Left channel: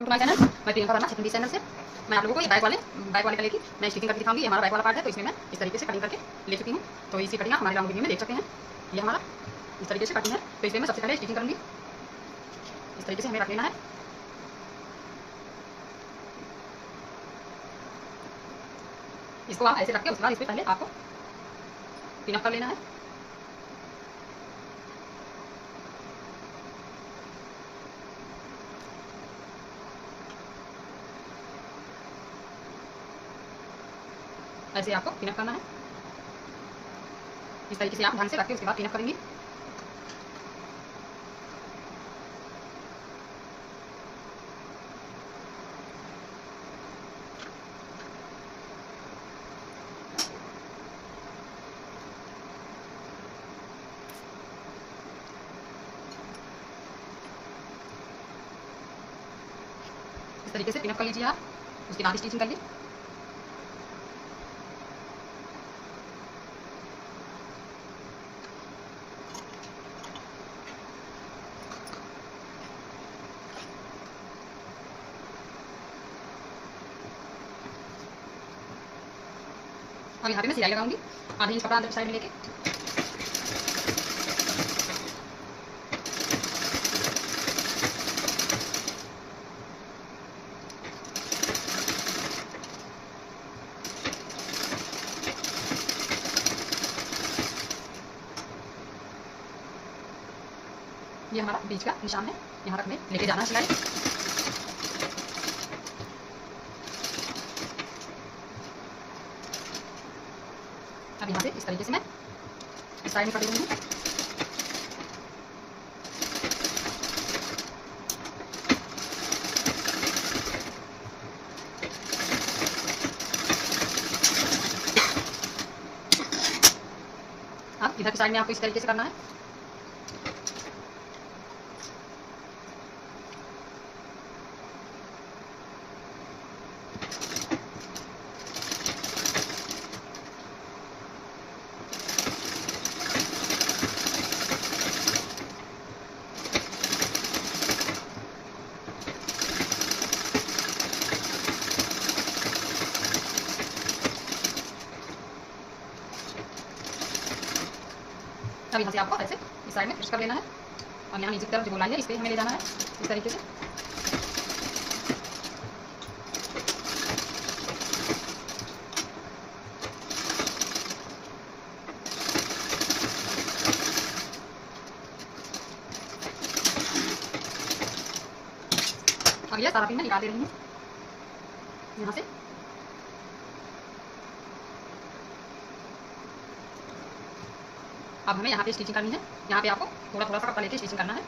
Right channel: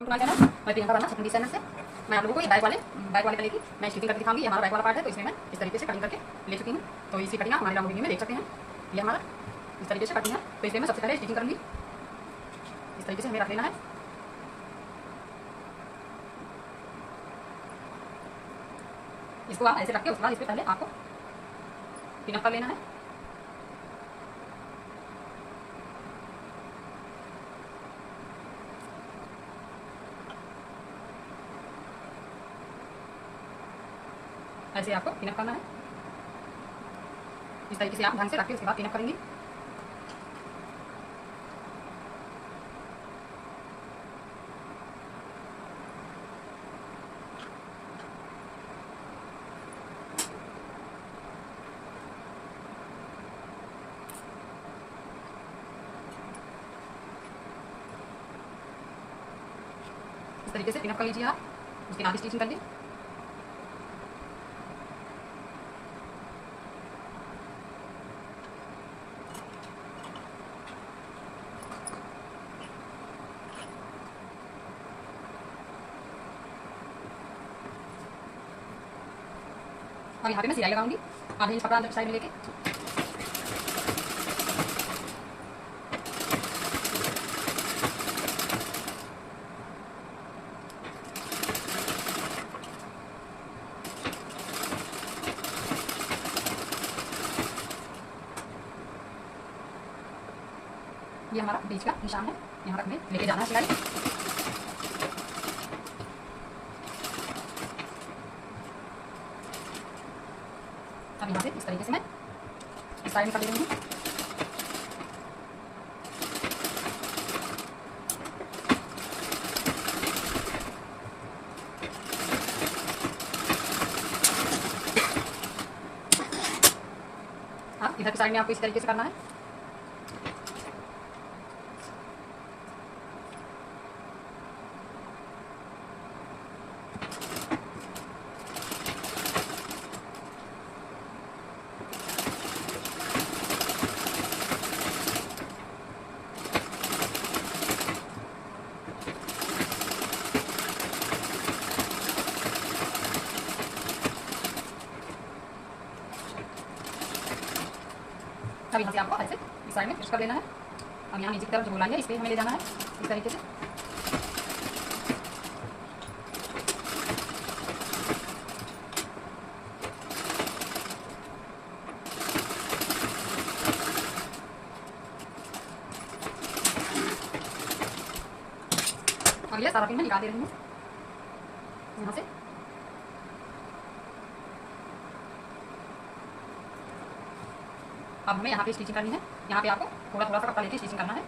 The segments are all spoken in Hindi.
तुम्हारा चैनल मैं प्रियंका वर्मा छत्तीस चैनल से मैं आप लोगों को ये बाइक वाले कलर की मैं स्टिचिंग करके दिखाऊंगी। ये हमारा बाइक वाला पार्ट है, तो इसमें मैं इस तरीके से कटिंग करके ले चुकी हूँ। तो इसी कटिंग आप हमारे लॉन्ग वीडियो में देख सकते हैं। ये हमारा इस तरीके से कटिंग है। तो इसमें मैं सबसे पहले स्टिचिंग करूँगी। इस तरीके से हमें रख लेना है। इसको आप ऐसे रख के उसके बाद इस पर पहले आपको पिनअप कर लेना है। ऐसे आपको पिनअप करना है। इस तरीके से आप ढंग से रख के उसके बाद पिनअप करेंगे। इस तरीके से पिनअप कर लीजिए आप। उसके बाद स्टिचिंग करिए। और यहाँ पे मैं सिलाई लगाऊंगी आधे इंच कपड़ा अंदर साइड में लेके। ये हमारा बीच का निशान है, यहाँ रखने लेके जाना सिलाई। अब यहाँ से इस तरीके से मैं इस साइड में कर दूँगी। अब इधर की साइड में आपको इस तरीके से करना है। अब यहाँ से आपको ऐसे इस साइड में फिक्स कर लेना है। और यहाँ नीचे की तरफ जो गोलाई है इस पर हमें ले जाना है इस तरीके से। अब यह सारा पिन मैं निकाल दे रही हूँ यहाँ से। अब हमें यहाँ पे स्टिचिंग करनी है। यहाँ पे आपको थोड़ा थोड़ा सा कपड़ा लेके स्टिचिंग करना है।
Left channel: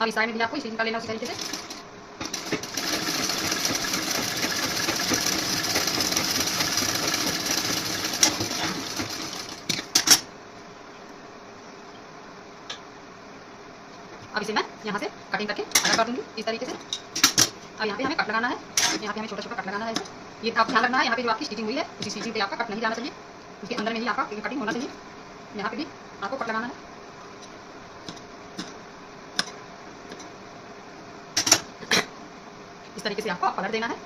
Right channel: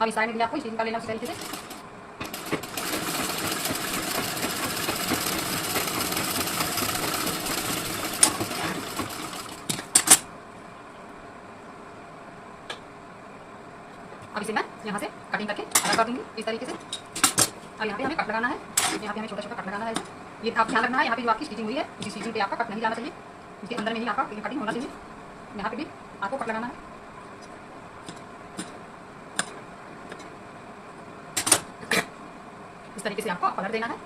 अब इस साइड में भी आपको स्टिचिंग कर लेना उसी तरीके से। अब इसे मैं यहाँ से कटिंग करके अलग कर दूँगी इस तरीके से। अब यहाँ पे हमें कट लगाना है। यहाँ पे हमें छोटा छोटा कट लगाना है। ये आप ध्यान रखना है, यहाँ पे जो आपकी स्टिचिंग हुई है उसी स्टिचिंग पे आपका कट नहीं जाना चाहिए। उसके अंदर में ही आपका कटिंग होना चाहिए। यहाँ पे भी आपको कट लगाना है। इस तरीके से आपको पलट देना है।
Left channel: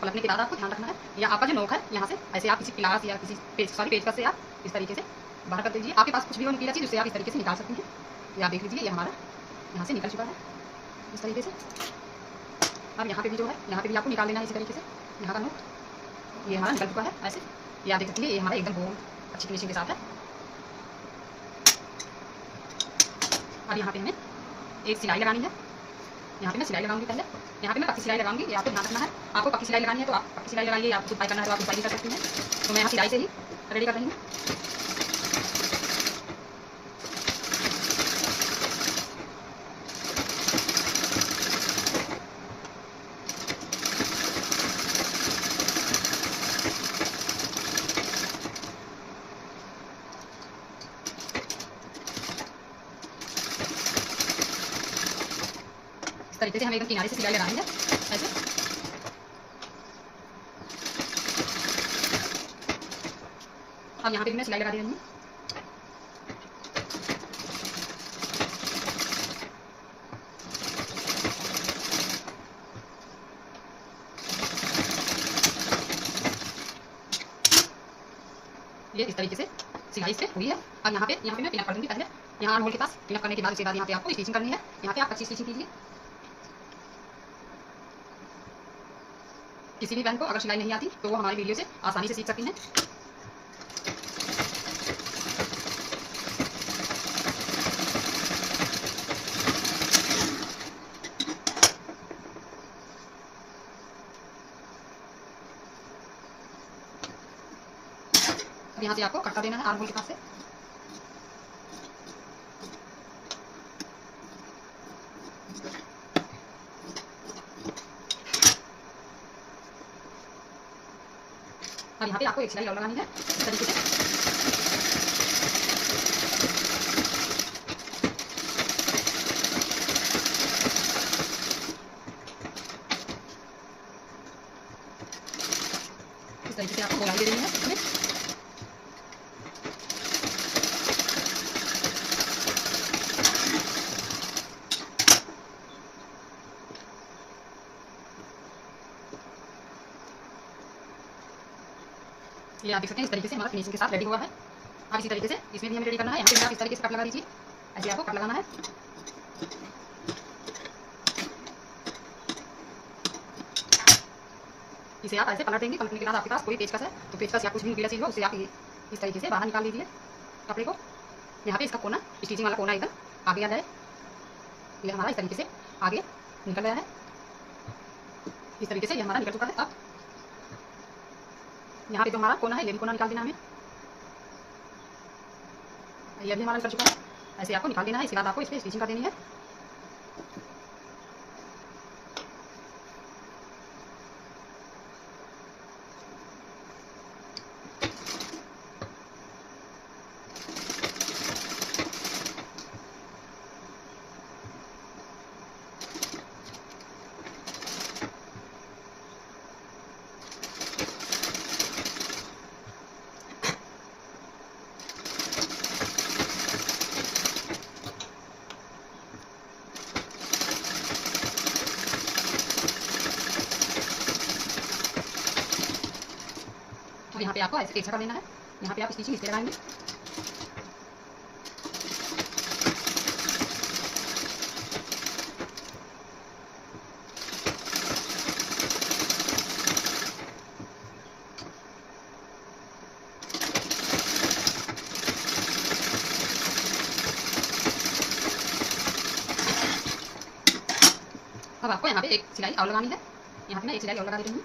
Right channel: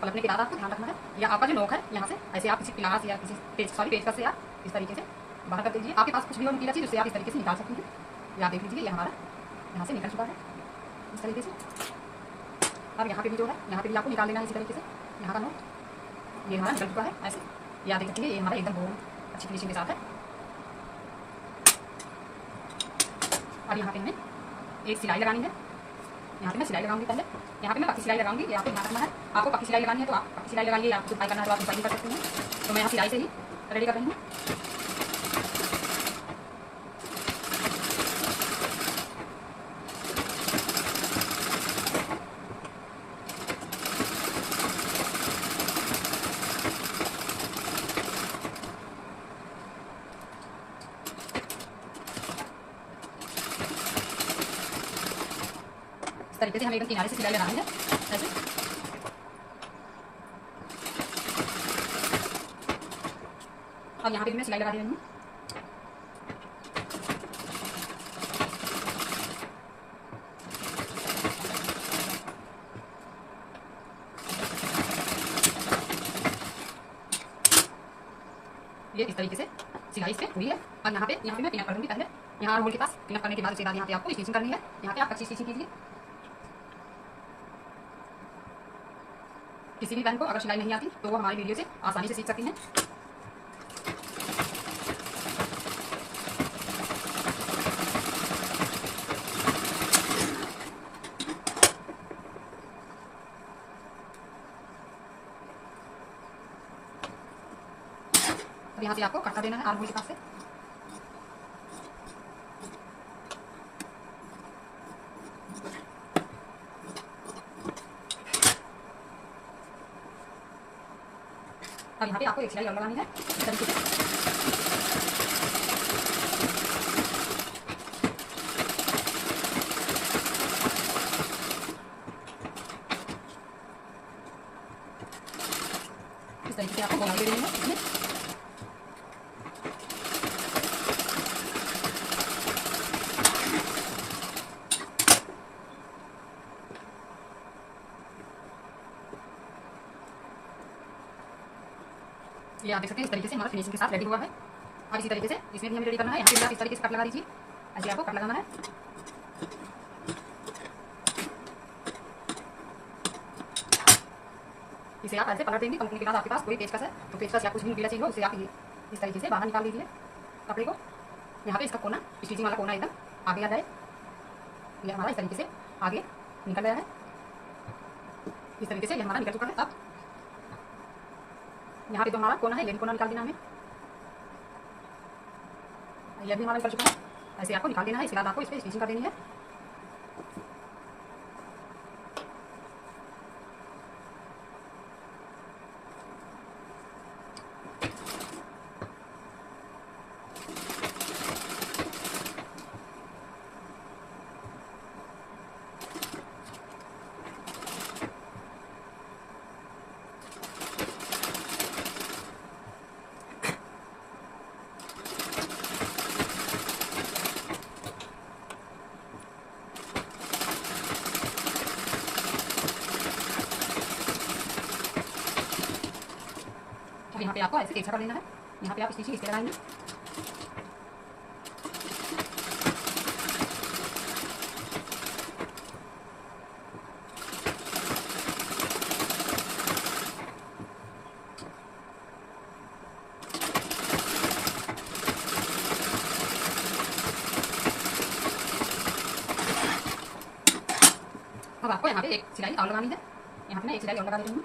पलटने के बाद आपको ध्यान रखना है, या आपका जो नोक है यहाँ से ऐसे आप किसी पिलास या किसी पेचकस से आप इस तरीके से बाहर कर दीजिए। आपके पास कुछ भी हो नुकीला चीज़ उससे आप इस तरीके से निकाल सकती हैं। या आप देख लीजिए ये हमारा यहाँ से निकल चुका है इस तरीके से। अब यहाँ पे भी जो है यहाँ पे भी आपको निकाल लेना है इसी तरीके से। यहाँ का नोक ये हमारा निकल चुका है ऐसे। ये आप देख सकती है ये हमारा एकदम बहुत अच्छी फिनिशिंग के साथ है। अब यहाँ पे हमें एक सिलाई लगानी है। यहाँ पे मैं सिलाई लगाऊंगी पहले। यहाँ पे मैं पक्की सिलाई लगाऊंगी। यहाँ पे ध्यान रखना है, आपको पक्की सिलाई लगानी है तो आप पक्की सिलाई लगाइए। आपको उपाय करना है तो आप उपाय भी कर सकते हैं। तो मैं यहाँ सिलाई से ही रेडी कर रही हूँ। तरीके से हमें एकदम किनारे से सिलाई लगानी है ऐसे। अब यहाँ पे भी मैं सिलाई लगा दे रही हूँ। ये इस तरीके से सिलाई से हुई है। अब यहाँ पे मैं पिनअप कर दूँगी। पहले यहाँ होल के पास पिनअप करने के बाद उसके बाद यहाँ पे आपको स्टिचिंग करनी है। यहाँ पे आप कच्ची स्टिचिंग कीजिए। किसी भी बहन को अगर सिलाई नहीं आती तो वो हमारी वीडियो से आसानी से सीख सकती हैं। अब यहाँ से आपको कटका देना है आर्म होल के पास से। अब यहाँ पे आपको एक सिलाई और लगानी है इस तरीके से। इस तरीके से आपको गोलाई दे देनी है इसमें। ये आप देख सकते हैं इस तरीके से हमारा फिनिशिंग के साथ रेडी हुआ है। अब इसी तरीके से इसमें भी हमें रेडी करना है। यहाँ पे आप इस तरीके से कट लगा दीजिए। ऐसे आपको कट लगाना है। इसे आप ऐसे पलट देंगे। पलटने के बाद आपके पास कोई पेचकस है तो पेचकस या कुछ भी गीला चीज़ हो उसे आप इस तरीके से बाहर निकाल दीजिए कपड़े को। यहाँ पे इसका कोना, स्टिचिंग वाला कोना एकदम आगे आ जाए। ये हमारा इस तरीके से आगे निकल गया है। इस तरीके से ये हमारा निकल चुका है। अब यहाँ पे जो हमारा कोना है ये भी कोना निकाल देना हमें। ये भी हमारा निकल चुका है। ऐसे आपको निकाल देना है। इसके बाद आपको इस पर स्टिचिंग कर देनी है। अब यहाँ पे आपको ऐसे एक कर लेना है। यहाँ पे आप स्टिचिंग इसके लगाएंगे। अब आपको यहाँ पे एक सिलाई और लगानी है। यहाँ पे मैं एक सिलाई और लगा देती हूँ।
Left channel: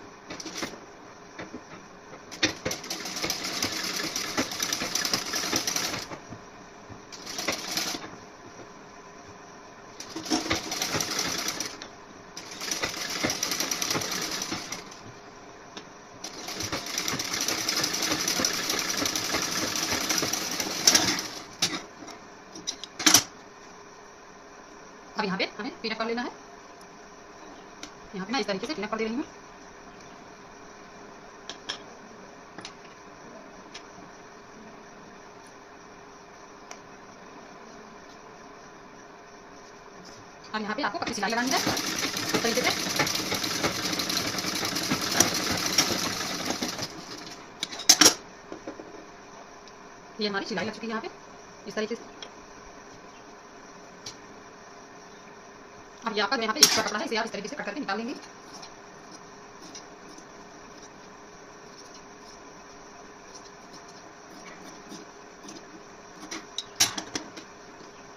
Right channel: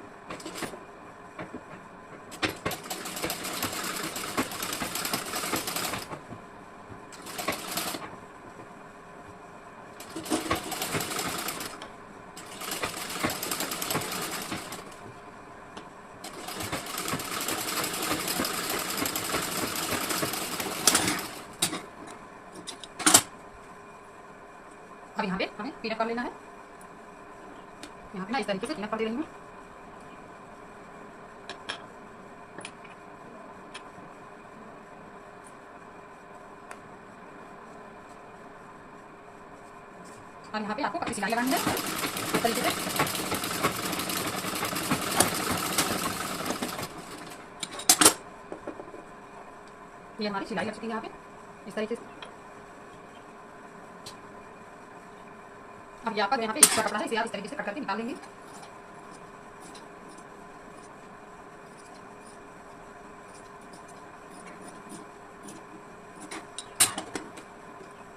अब यहाँ पे हमें पिनअप कर लेना है। यहाँ पे मैं इस तरीके से पिनअप कर दे रही हूँ। अब यहाँ पे आपको कच्ची सिलाई लगानी है इस तरीके से। ये हमारी सिलाई लग चुकी है यहाँ पे इस तरीके से। अब यहाँ पर यहाँ पे एक्स्ट्रा कपड़ा है, इसे आप इस तरीके से कट करके निकाल लेंगे।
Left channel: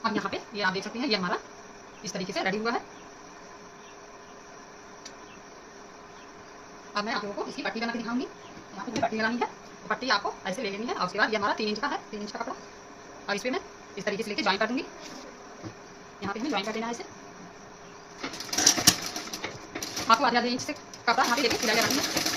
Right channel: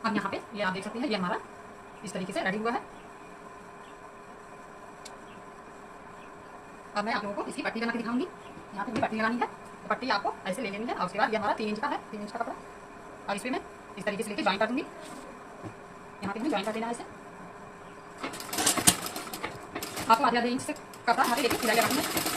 अब यहाँ पे ये आप देख सकते हैं ये हमारा इस तरीके से रेडी हुआ है। अब मैं आप लोगों को इसकी पट्टी बना के दिखाऊंगी। यहाँ पे पट्टी लगानी है तो पट्टी आपको ऐसे ले लेनी है और उसके बाद ये हमारा 3 इंच का है, 3 इंच का कपड़ा। और इस पर मैं इस तरीके से लेके ज्वाइन कर दूंगी। यहाँ पे भी ज्वाइन कर देना है इसे। आपको आधे इंच से कपड़ा यहाँ पे लेके सिलाई लगानी है।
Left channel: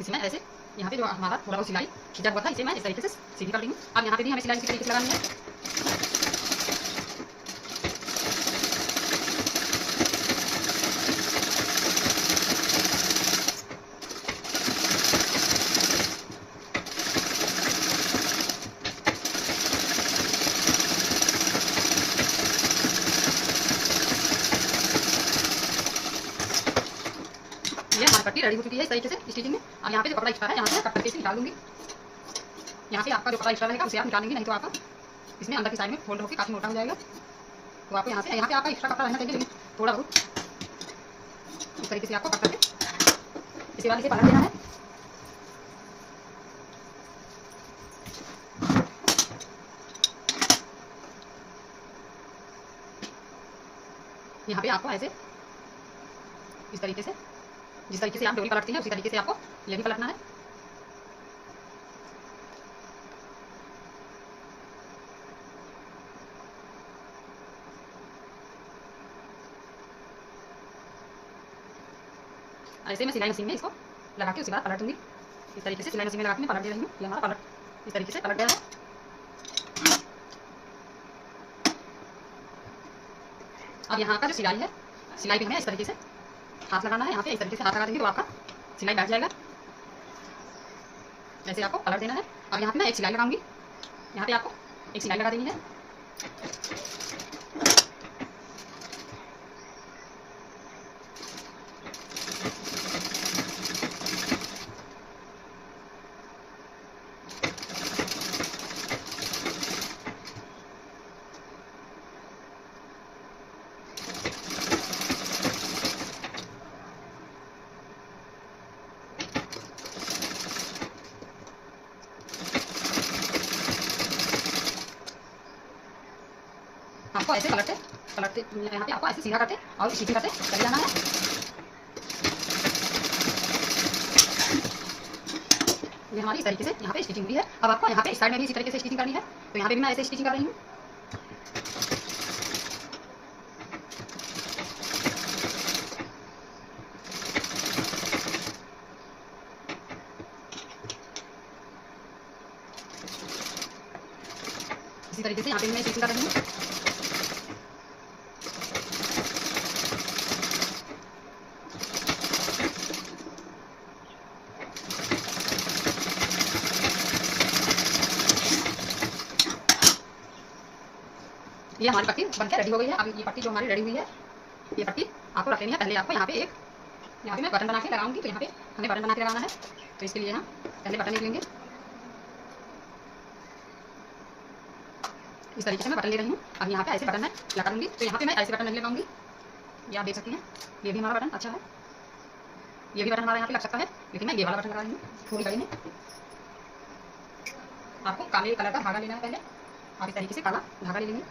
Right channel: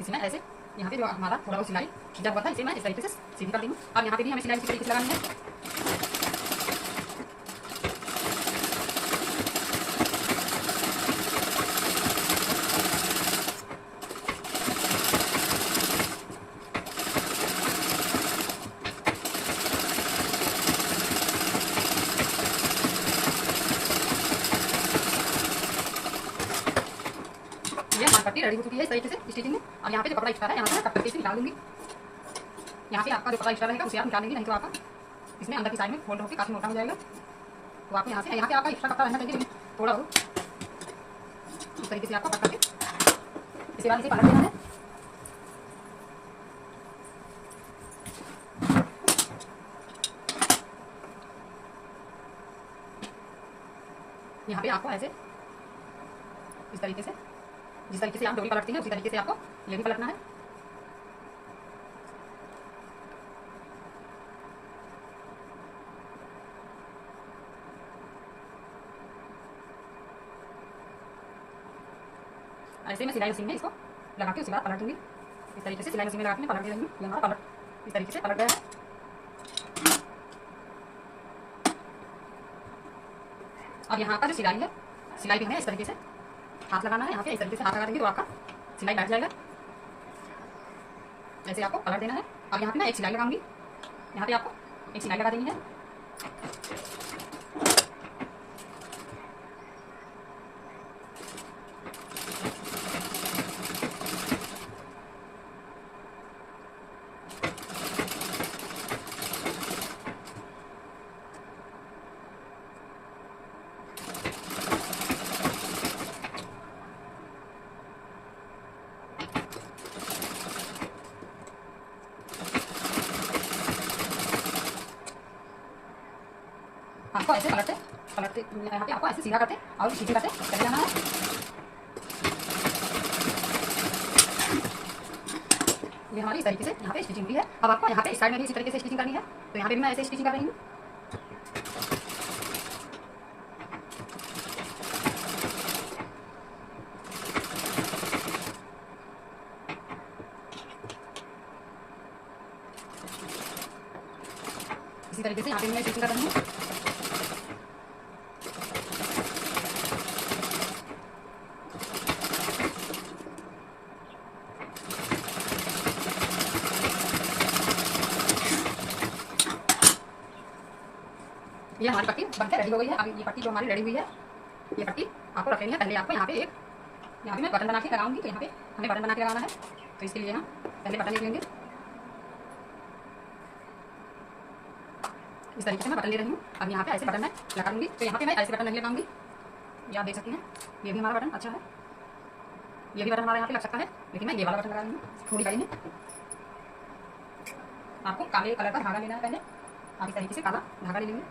इसमें ऐसे यहाँ पे जो हमारा थोड़ा वो सिलाई खींचा हुआ था इसे मैं इस तरीके से सीधी कर देंगे। अब यहाँ पे भी हमें सिलाई इसी तरीके से लगानी है। ये हमारी पट्टी रेडी हो चुकी है इस तरीके से स्टिचिंग में। अब यहाँ पे जो कपड़ा एक्स्ट्रा है यहाँ से कट करके इसे निकाल दूंगी। यहाँ से आपका जो कपड़ा एक्स्ट्रा रहेगा उसे आप निकालेंगे, नहीं तो आपका इसमें अंदर की साइड में फोल्ड होकर काफी मोटा हो जाएगा। तो आपको यहाँ पे आपका एक्स्ट्रा कपड़ा रहना चाहिए, लेकिन थोड़ा बहुत इस तरीके से आपको कट करके इसके बाद इसे पलट देना है। यहाँ पे आपको ऐसे इस तरीके से जिस तरीके से आप डोरी पलटती हैं उसी तरीके से आपको ये भी पलटना है। ऐसे मैं सिलाई मशीन में इसको लगा के उसके बाद पलट दूंगी। इस तरीके से सिलाई मशीन में लगा के मैं पलट दे रही हूँ। ये हमारा पलट इस तरीके से पलट गया है। अब यहाँ का जो सिलाई है, सिलाई भी हमें इस तरीके से हाथ लगाना है। यहाँ पे इस तरीके से हाथ लगा देंगे तो आपका सिलाई बैठ जाएगा। ऐसे आपको पलट देना है। अब यहाँ पे मैं एक सिलाई लगाऊंगी। यहाँ पे आपको एक सिलाई लगा देनी है। आपको ऐसे पलटते पलटते यहाँ पे आपको ऐसे सीधा करते और स्टिचिंग करते चले जाना है। ये हमारी इस तरीके से यहाँ पे स्टिचिंग हुई है। अब आपको यहाँ पे इस साइड में भी इसी तरीके से स्टिचिंग करनी है। तो यहाँ पे भी मैं ऐसे स्टिचिंग कर रही हूँ। इसी तरीके से यहाँ पे भी मैं स्टिचिंग कर रही हूँ। ये हमारी पट्टी बनकर रेडी हो गई है। अब ये पट्टी जो हमारी रेडी हुई है, ये पट्टी आपको रख लेनी है। पहले आपको यहाँ पे मैं बटन बना के लगाऊंगी। तो यहाँ पे हमें बटन बना के लगाना है। तो इसके लिए हम पहले बटन ले लेंगे। इस तरीके से मैं बटन ले रही हूँ। अब यहाँ पे ऐसे बटन मैं लगा दूँगी। तो यहाँ पे मैं ऐसे बटन नहीं लगाऊंगी। ये आप देख सकती हैं, ये भी हमारा बटन अच्छा है। ये भी बटन हमारे यहाँ पे लग सकता है, लेकिन मैं ये वाला बटन लगा रही हूँ थोड़ी कड़ी में। आपको काले कलर का धागा लेना है। पहले आप इस तरीके से काला धागा ले लेंगे।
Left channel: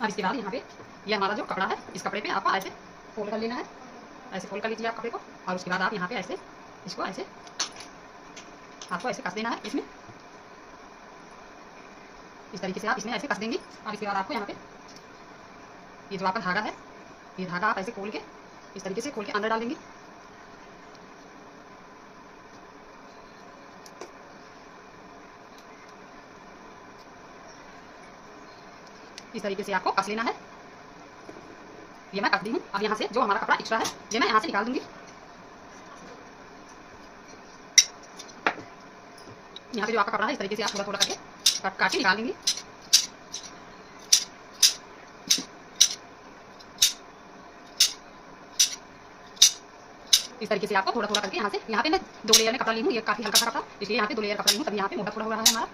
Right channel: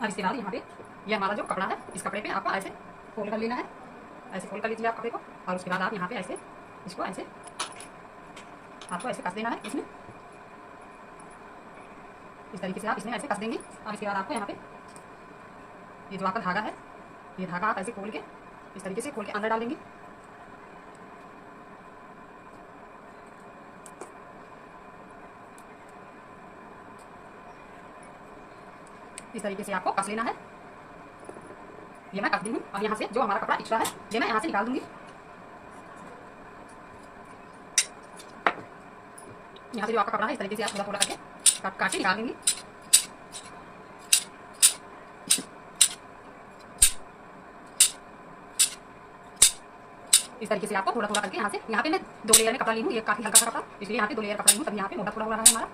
अब इसके बाद यहाँ पे ये हमारा जो कपड़ा है, इस कपड़े पे आपको ऐसे फोल्ड कर लेना है। ऐसे फोल्ड कर लीजिए आप कपड़े को। और उसके बाद आप यहाँ पे ऐसे इसको ऐसे आपको ऐसे कस देना है इसमें। इस तरीके से आप इसमें ऐसे कस देंगे। और इसके बाद आपको यहाँ पे ये जो आपका धागा है, ये धागा आप ऐसे खोल के इस तरीके से खोल के अंदर डाल देंगे। इस तरीके से आपको कस लेना है। ये मैं कस दी हूँ। अब यहाँ से जो हमारा कपड़ा एक्स्ट्रा है ये मैं यहाँ से निकाल दूंगी। यहाँ पे जो आपका कपड़ा है इस तरीके से आप थोड़ा थोड़ा करके काट के निकाल देंगे। इस तरीके से आपको थोड़ा थोड़ा करके यहाँ पे मैं 2 लेयर में कपड़ा ली हूँ। ये काफी हल्का सा कपड़ा, इसलिए यहाँ पे 2 लेयर कपड़ा ली हूँ। तब यहाँ पे मोटा थोड़ा हो रहा है हमारा।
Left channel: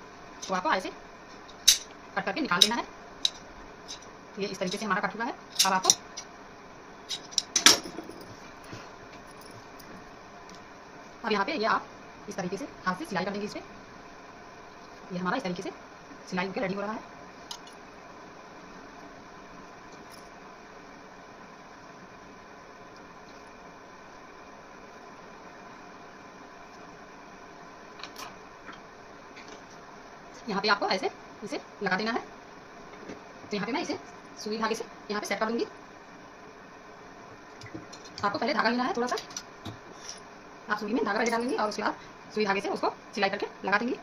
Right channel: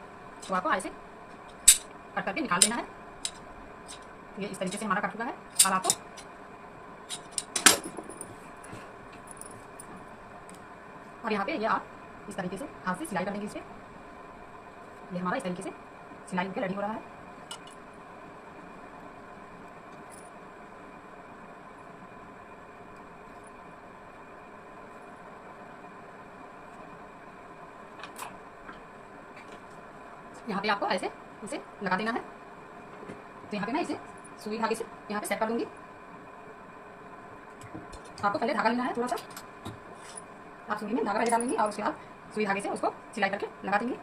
तो आपको ऐसे कट करके निकाल देना है। ये इस तरीके से हमारा कट हुआ है। अब आपको अब यहाँ पे ये आप इस तरीके से हाथ से सिलाई कर देंगे। इस पे ये हमारा इस तरीके से सिलाई होकर रेडी हो रहा है। यहाँ पे आपको ऐसे इसे लगा देना है। तो यहाँ पे मैं इसे सुई धागे से यहाँ पे सेट कर दूंगी। आपको पहले धागा लेना है थोड़ा सा, आप सुई में धागा पहले डालेंगे और उसके बाद सुई धागे से उसको सिलाई करके लगा देंगे।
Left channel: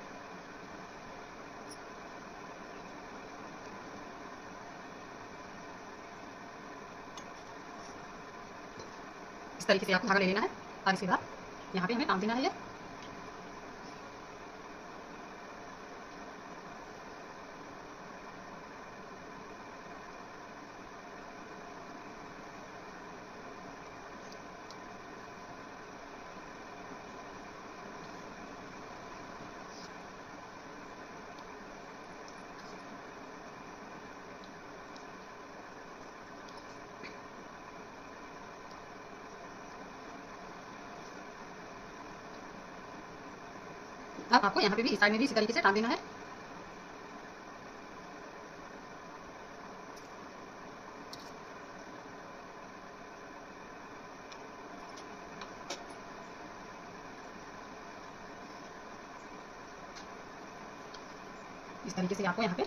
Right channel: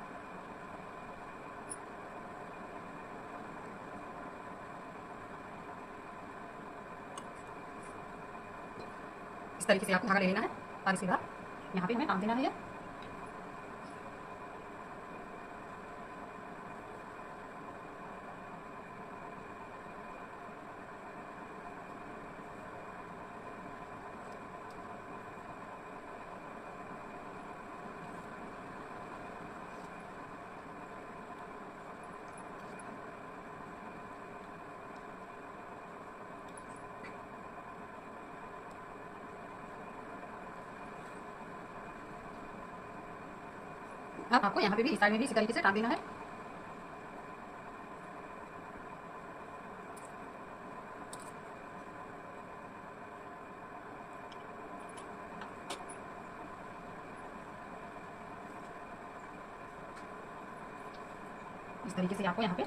इस तरीके से आपको धागा ले लेना है और इसके बाद यहाँ पे हमें काम देना है। अब आपको यहाँ पे भी इस साइड में भी इसी तरीके से टांग देना है। इस तरीके से आपको यहाँ पे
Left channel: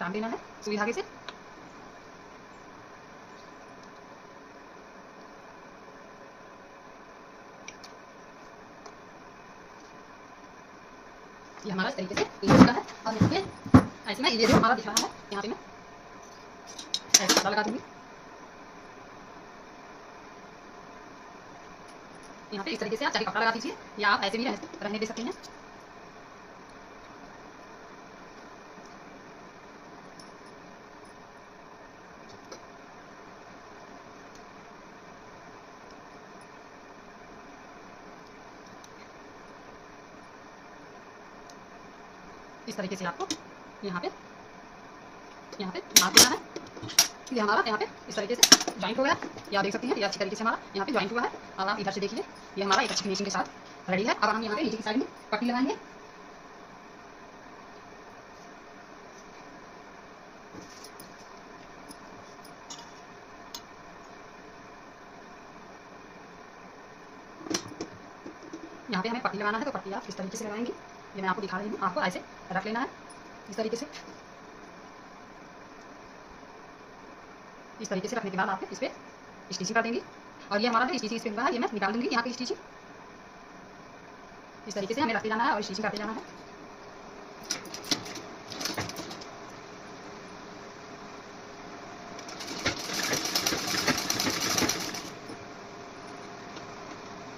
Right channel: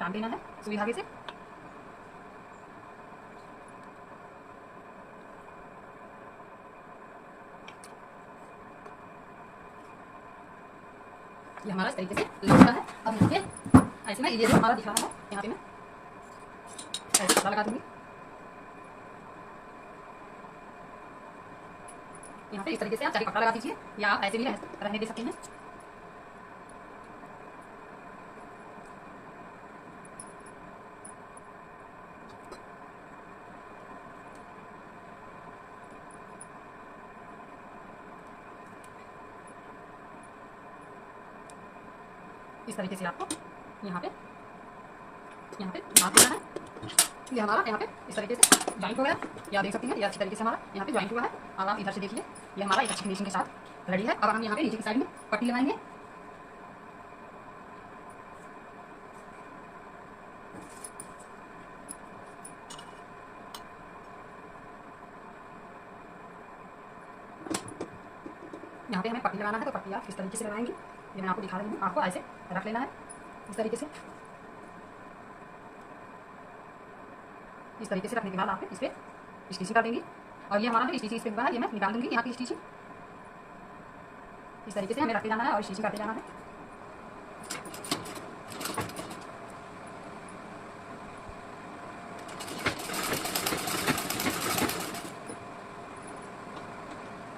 टांग देना है सुई धागे से। ये हमारा इस तरीके से लग चुका है। और यहाँ पे ऐसे में ये जो हमारा दिख रहा है यहाँ पे मैं ऐसे कपड़ा लगा दूंगी। यहाँ पे इस तरीके से आप चाहे कपड़ा लगा दीजिए या आप ऐसे भी रहने दे सकते हैं। इस तरीके से आपको यहाँ पे नाप देना है। ये हमारा यहाँ पे इस तरीके से जॉइंट हो गया, या देख सकते हैं ये अच्छी तरीके से हमारा यहाँ पे जॉइंट हुआ है। अब आप इधर से देखिए ये हमारा एक अच्छी फिनिशिंग के साथ रेडी है। अब हम यहाँ पे नीचे की साइड में पट्टी लगाएंगे। यहाँ पे हमें पट्टी लगाना है, तो पट्टी आप इस तरीके से लगाएंगे। ये मैं आपको दिखा रही हूँ, आपको ऐसे रख लेना है इस तरीके से। इस तरीके से रखने के बाद आप इस पर स्टिचिंग कर देंगे। और ये हमारा स्टिचिंग इस पर हुआ है, ये मैं निकाल दूंगी यहाँ की स्टिचिंग। इस तरीके से हमें रखते जाना है और स्टिचिंग करते जाना है।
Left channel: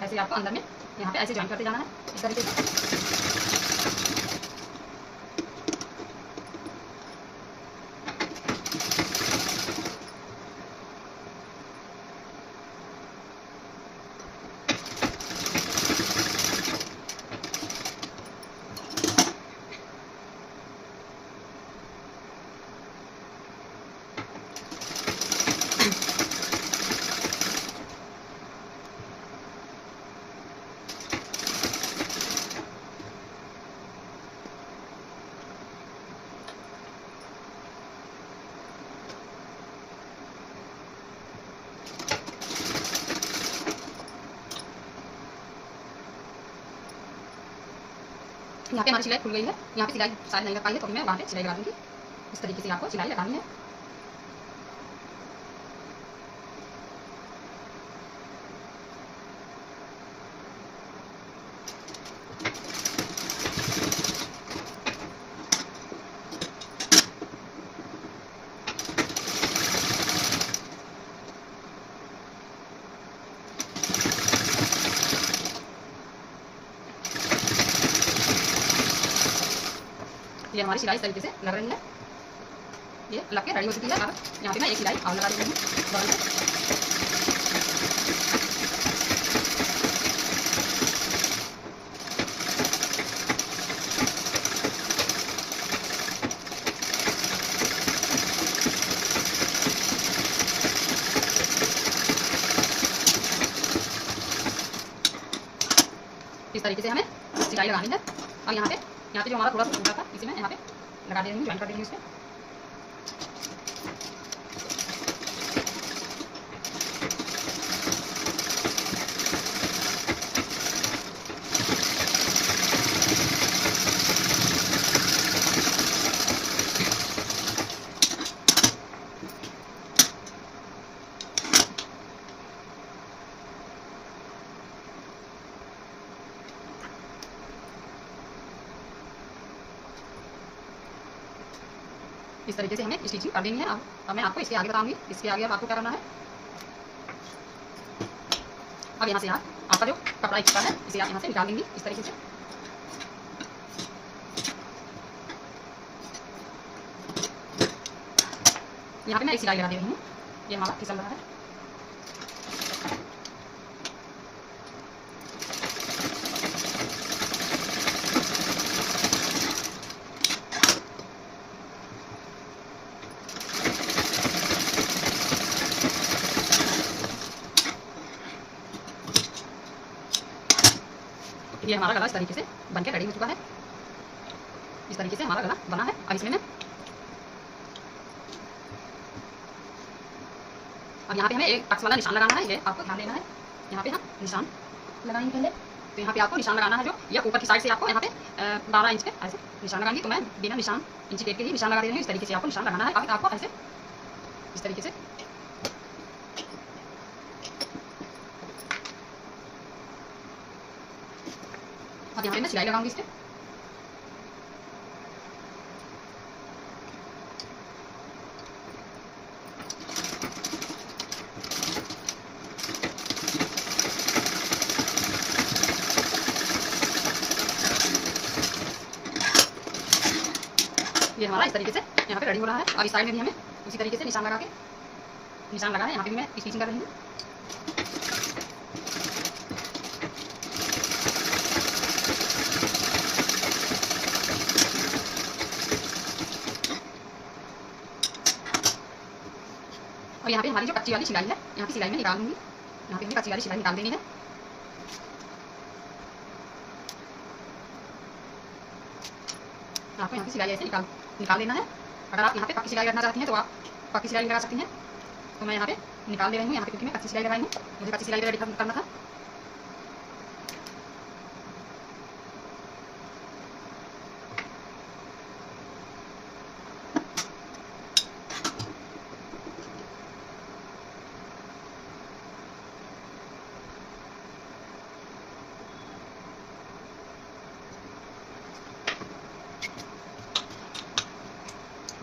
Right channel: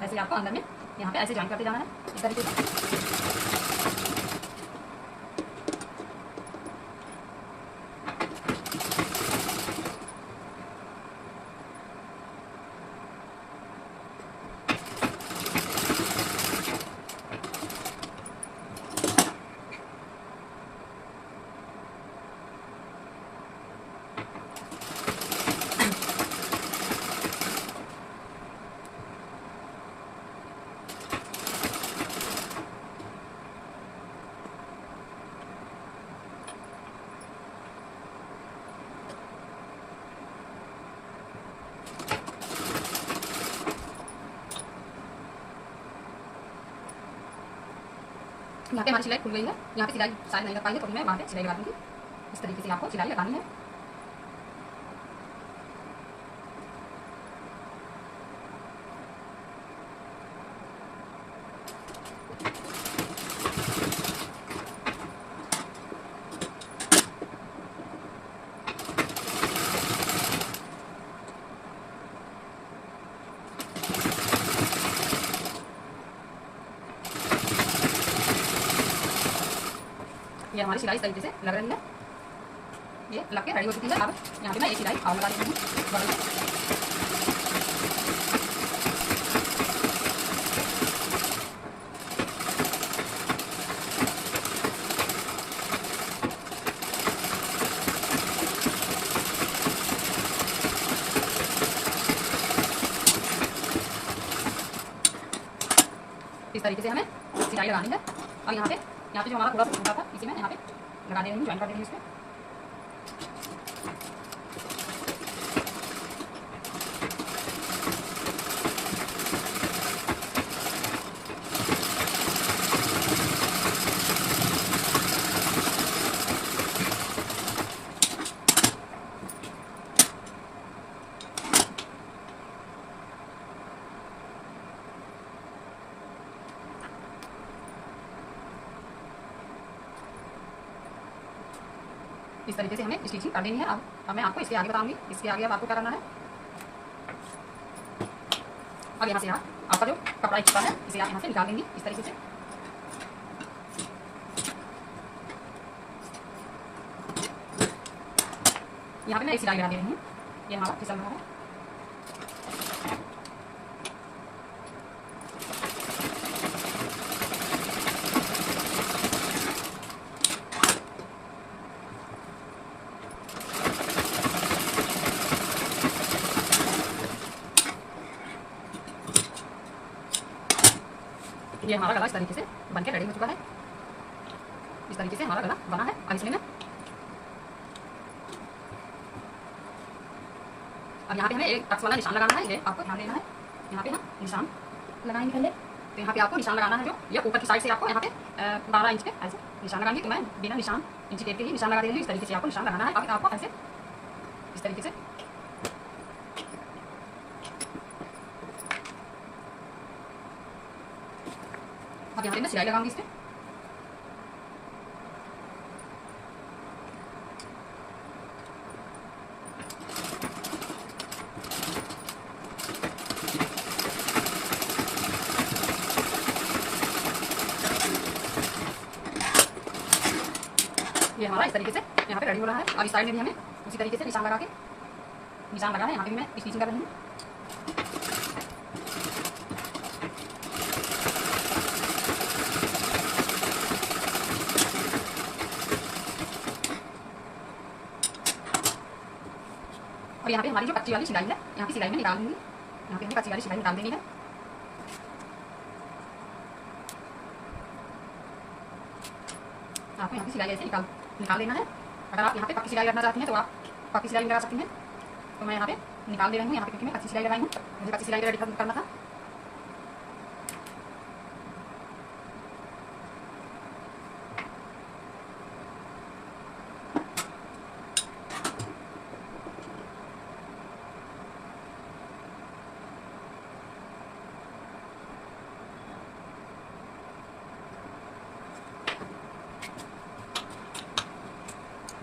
ऐसे आपको अंदर में यहाँ पे ऐसे जॉइन करते जाना है इस तरीके से। यहाँ पे हमारी सिलाई खुल गई है। यहाँ पे सिलाई शायद नहीं लग पाई है, तो मैं वहाँ पे सिलाई लगा दूँगी। इस तरीके से आपको सिलाई लगानी है। ये हमारी सिलाई इस तरीके से लग रही है, ये लग के रेडी हो चुकी है। अब यहाँ पे मैं एक सिलाई और लगा देती हूँ बगल में। इस तरीके से हमें सिलाई लगानी है। और यहाँ पे जो हमारा थोड़ा सा टूटा था इसे मैं यहाँ पे लगा दे रही हूँ, ज्वाइन कर दे रही हूँ इसको। इस तरीके से हमें स्टिचिंग कर देनी है। अब मैं आपको इसके आगे बताऊँगी। इसके आगे अब आपको क्या करना है, अब यहाँ से आपका जो कपड़ा एक्स्ट्रा है इसे आप यहाँ से निकाल देंगी इस तरीके से। यहाँ पे मैं एक सिलाई लगा दे रही हूँ, ये हमारा फिसल रहा है। ये हमारा गला इस तरीके से बनके रेडी हो चुका है। इस तरीके से हमारा गला बना है। अब इसमें अब यहाँ पे हमें एक टक्स वाला निशान लगाना है, ये आपको ध्यान देना है। यहाँ पे हम निशान लगाएंगे पहले, तो यहाँ पे आपको निशान लगाना है जो ये ऊपर की साइड से आपको यहाँ पे 12 इंच पे ऐसे निशान लगाएंगे। तो मैं बिना निशान इंची टेप के ही निशान लगा दे रही हूँ। इस तरीके से आपको निशान लगाना है। आपको ऐसे इस तरीके से अब यहाँ पे मैं सिलाई लगाऊंगी इस पर। ये हमारा इस तरीके से यहाँ पे रेडी हो रहा है। अब इस साइड में भी हमें उसी तरीके से निशान लगा है। यहाँ पे भी मैं स्टिचिंग कर रही हूँ। और यहाँ पे हमारी जो कच्ची वाली सिलाई है, यहाँ की सिलाई में निकाल दूँगी। यहाँ पे हमें कच्ची वाली सिलाई निकाल देनी है। आपको यहाँ की सिलाई ऐसे निकाल देना है। अगर आप यहाँ पे पक्की सिलाई करना चाहती हैं तो आप पक्की सिलाई लगा सकती हैं। तो मैं यहाँ पे निकाल दे रही हूँ, यहाँ पे क्योंकि मैं कच्ची सिलाई लगाई हूँ। मुझे कच्ची सिलाई रेडी करना था।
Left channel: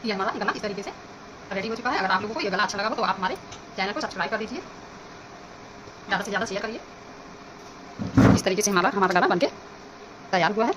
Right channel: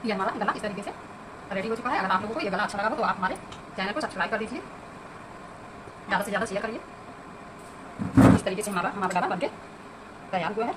ये हमारा गला इस तरीके से रेडी हो चुका है। अगर आप लोगों को ये गला अच्छा लगा हो तो आप हमारे चैनल को सब्सक्राइब कर दीजिए, ज़्यादा से ज़्यादा शेयर करिए। इस तरीके से हमारा गला बनके तैयार हुआ है।